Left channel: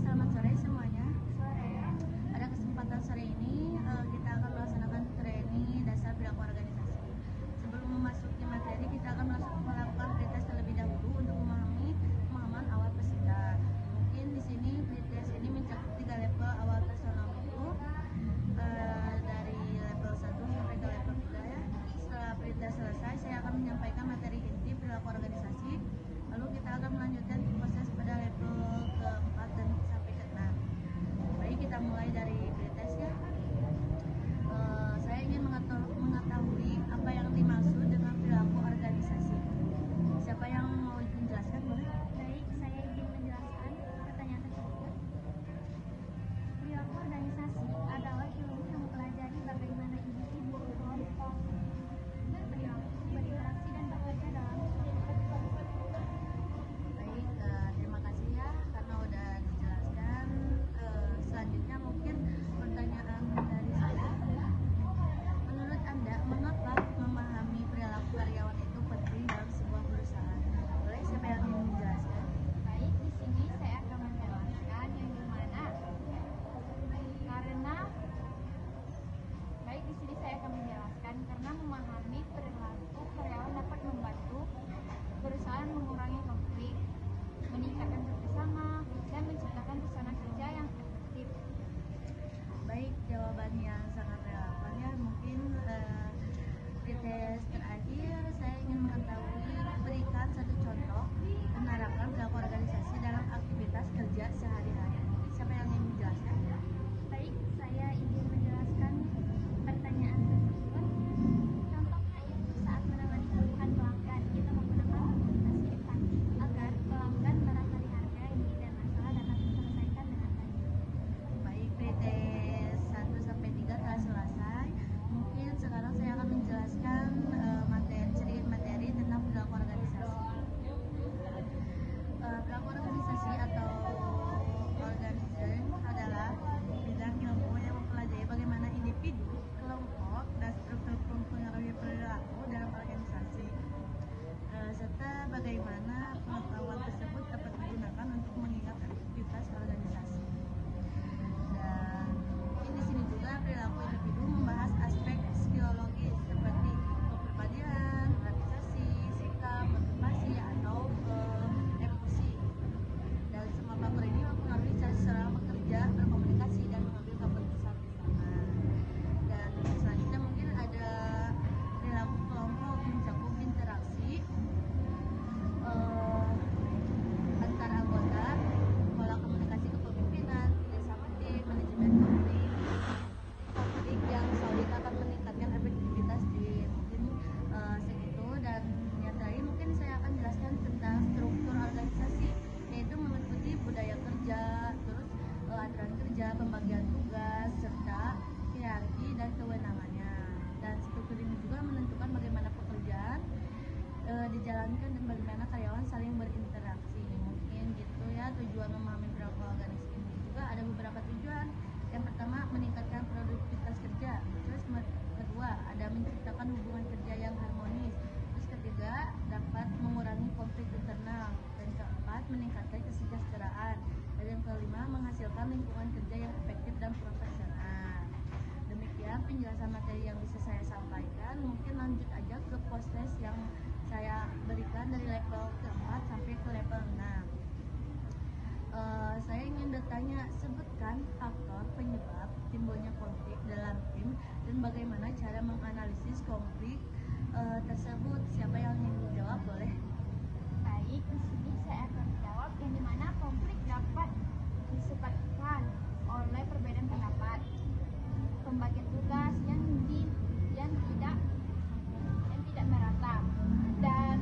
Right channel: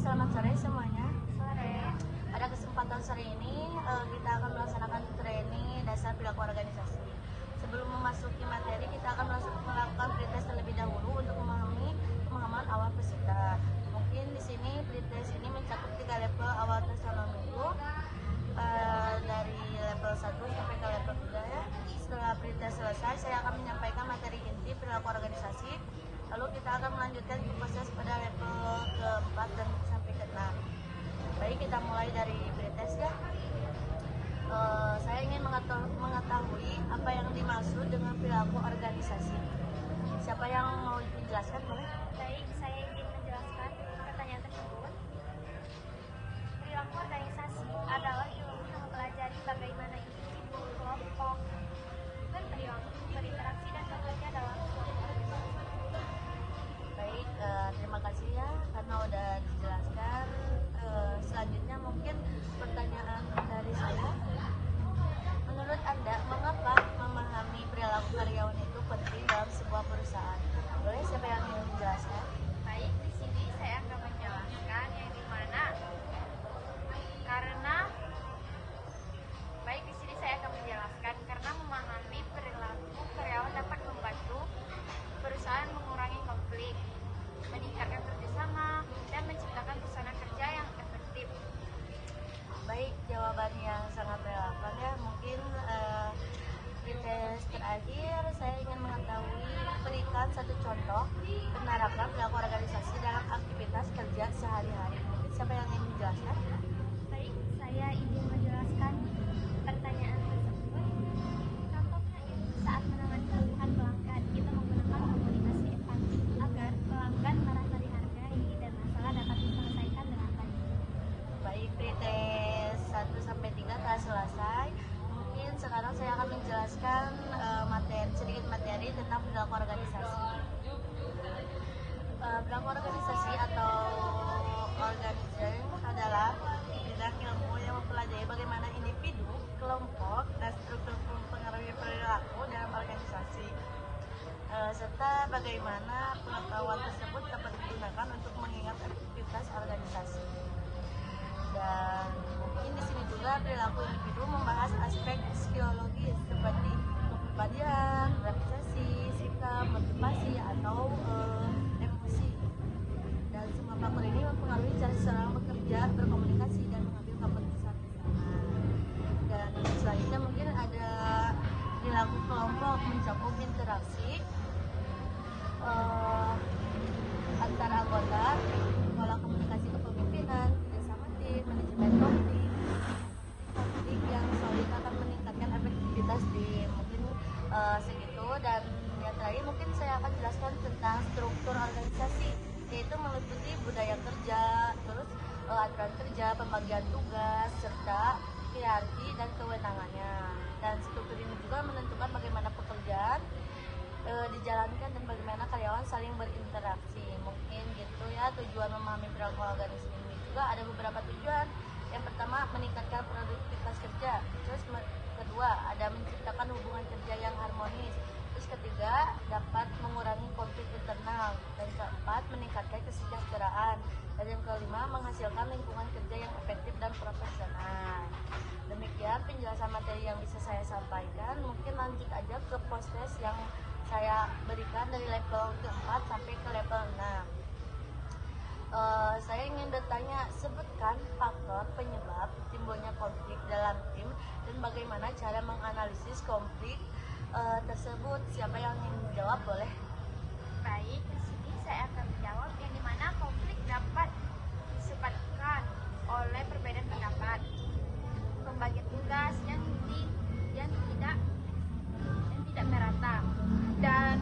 selamat sore semuanya. Sore. Pada kesempatan sore ini kita akan melaksanakan training dasar perilaku organisasi. Sebelum memasuki materi, kita akan melakukan pretest terlebih dahulu untuk memahami pemahaman awal peserta. Mungkin di sini pretest ini mencakup 3 level awal taksonomi itu, dari level 1 sampai ke level 3 ya. Setelah pretest selesai, saya akan menyampaikan materi inti perilaku organisasi. Lalu kita akan melanjutkan ke proses pada level ke-4 dan sampai ke-6. Baik, kita mulai dari pretest ya. Saya ingin mengetahui apa yang dimaksud dengan perilaku organisasi. Siapa yang mau menjelaskan, boleh? Baik, saya izin menjelaskan pertanyaan tersebut. Perilaku organisasi adalah ilmu yang mempelajari bagaimana individu, kelompok berinteraksi dan bekerja dalam suatu organisasi. Baik, terima kasih ya karena udah dijelaskan. Selanjutnya mungkin pertanyaan dari saya. Menurut Anda, mengapa memahami perilaku karyawan itu penting dalam sebuah perusahaan? Boleh siapa yang ingin menjelaskan? Baik, di sini saya akan menjelaskan yang dimana karena memahami perilaku karyawan dapat membantu perusahaan mengurangi konflik, meningkatkan kerjasama, dan menciptakan suasana kerja yang efektif. Baik, jawaban yang sangat relevan ya. Mungkin pretest terakhir saya ingin mengetahui, berikan satu contoh penerapan perilaku organisasi dalam aktivitas kerja sehari-hari. Mungkin siapa yang ingin menjelaskan? Baik, saya ingin menjelaskan pertanyaan tersebut. Contohnya itu saat menangani keluhan pelanggan, kita menggunakan komunikasi empati agar pelanggan merasa dihargai dan masalah dapat diselesaikan dengan baik. Baik, pretest 1-3 telah selesai. Mungkin sekarang saya akan menjelaskan sedikit materi tentang perilaku organisasi. Perilaku organisasi atau organizing adalah bidang ilmu yang mempelajari bagaimana individu, kelompok, dan struktur mempengaruhi perilaku dalam organisasi, serta bagaimana pengetahuan tersebut dapat digunakan untuk mengingat aktivitas organisasi. Dan mungkin di sini juga perilaku individu membahas aspek psikologis seperti kepribadian, organisasi, sikap, motivasi, atau emosi. Dan semua faktor ini mempengaruhi cara seseorang bekerja, berkomunikasi, dan mengambil keputusan bersama. Dan selanjutnya mungkin ada perilaku kelompok, mencakup interaksi antar anggota, pola komunikasi kepemimpinan, kerjasama tim, manajemen konflik yang solid akan meningkatkan efektivitas tim. Mungkin segitu. Dan yang terakhir mungkin saya akan jelaskan tentang struktur organisasi, yaitu meliputi budaya kerja, terus aturan kerja, pembagian tugas, serta hierarki dan kewenangannya. Dan struktur ini juga menentukan bagaimana pekerjaan dijalankan dan bagaimana karyawan saling berinteraksi. Mungkin gitu ya tujuan memahami perilaku organisasi ini. Juga ada beberapa tujuan. Yang pertama, meningkatkan produktivitas kerja. Terus kedua, ada menciptakan hubungan kerja yang harmonis. Terus ketiga, dapat mengurangi konflik internal. Dan keempat, meningkatkan kesejahteraan. Dan yang kelima, menghasilkan lingkungan kerja yang efektif dan profesional. Demikian penjelasan materi yang bisa saya sampaikan. Mungkin lanjut aja ke proses yang saya berikan dari level ke-4 sampai ke level 6. Saya ingin bertanya, sebutkan faktor penyebab timbulnya konflik dalam tim dan bagaimana cara menganalisis konflik tersebut. Siapa yang ingin menjawab, boleh? Baik, di sini saya akan menjawab yang dimana konflik dapat disebabkan oleh perbedaan pendapat, pembagian tugas yang tidak merata, dan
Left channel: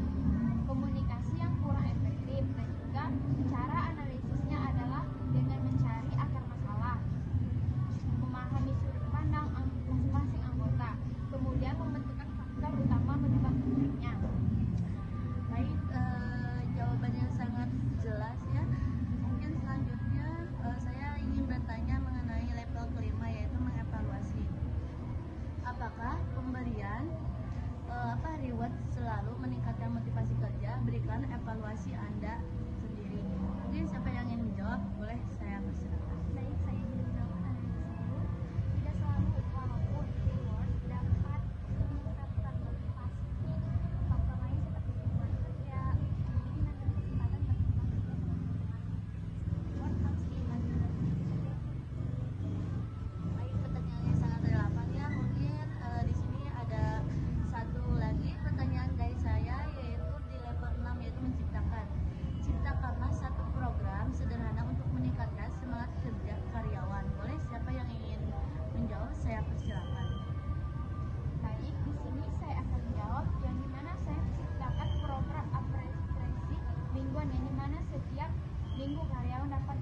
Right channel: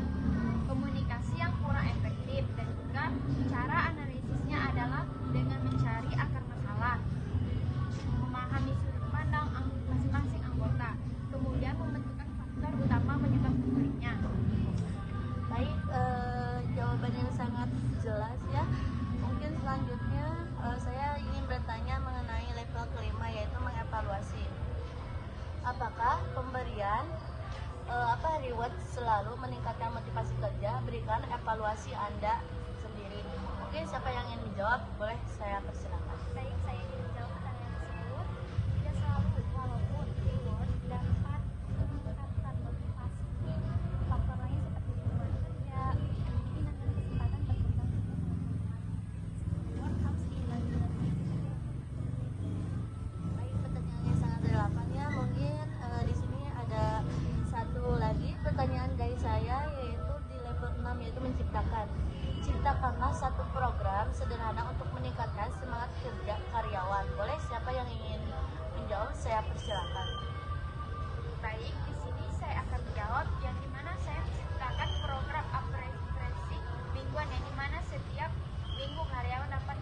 komunikasi yang kurang efektif. Dan juga cara analisisnya adalah dengan mencari akar masalah, memahami sudut pandang masing-masing anggota, kemudian membentukkan faktor utama penyebab konfliknya. Baik, jawaban yang sangat jelas ya. Mungkin selanjutnya saya ingin bertanya mengenai level kelima, yaitu mengevaluasi. Apakah pemberian reward selalu meningkatkan motivasi kerja? Berikan evaluasi Anda sendiri. Mungkin siapa yang ingin menjawab, boleh saya persilakan. Baik, saya ingin menjawab pertanyaan tersebut. Tidak selalu, walaupun reward dapat meningkatkan motivasi. Faktor lain seperti lingkungan kerja, kemungkinan dan kesempatan berkembang juga reward harus diimbangi dengan motivasi. Baik, pertanyaannya sangat relevan ya. Mungkin di sini ada satu lagi pertanyaan dari saya, yaitu di level 6, yaitu menciptakan. Ciptakanlah satu program sederhana untuk meningkatkan semangat kerja karyawan. Boleh siapa yang ingin menjawab, saya persilakan. Baik, di sini saya akan menjawab yang dimana saya menciptakan program apresiasi mingguan yang dimana setiap minggu karyawan dapat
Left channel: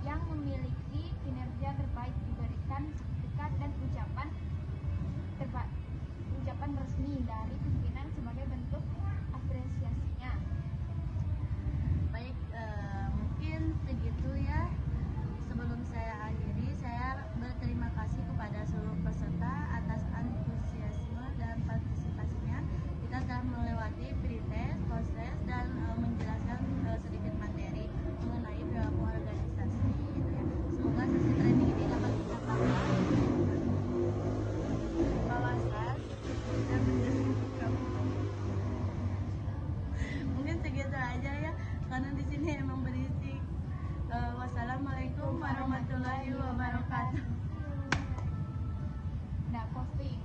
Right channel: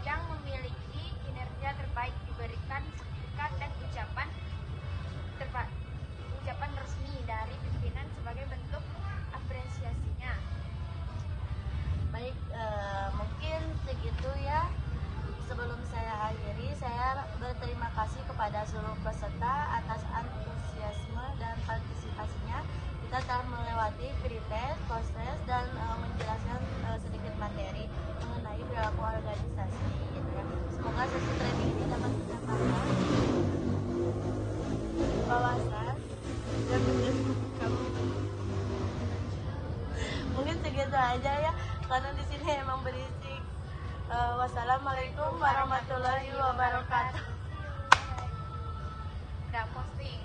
yang memiliki kinerja terbaik diberikan sertifikat dan ucapan resmi dari pimpinan sebagai bentuk apresiasinya. Baik, mungkin segitu ya. Sebelum saya akhiri, saya berterima kasih kepada seluruh peserta atas antusiasme dan partisipasinya. Kita telah melewati pretest, proses, dan menjelaskan sedikit materi mengenai perilaku organisasi gitu ya. Semoga sesi training ini dapat menambah wawasan dan menjadi mungkin segitu aja ya, karena di sini emang berisik. Wassalamualaikum warahmatullahi wabarakatuh. Udah posting.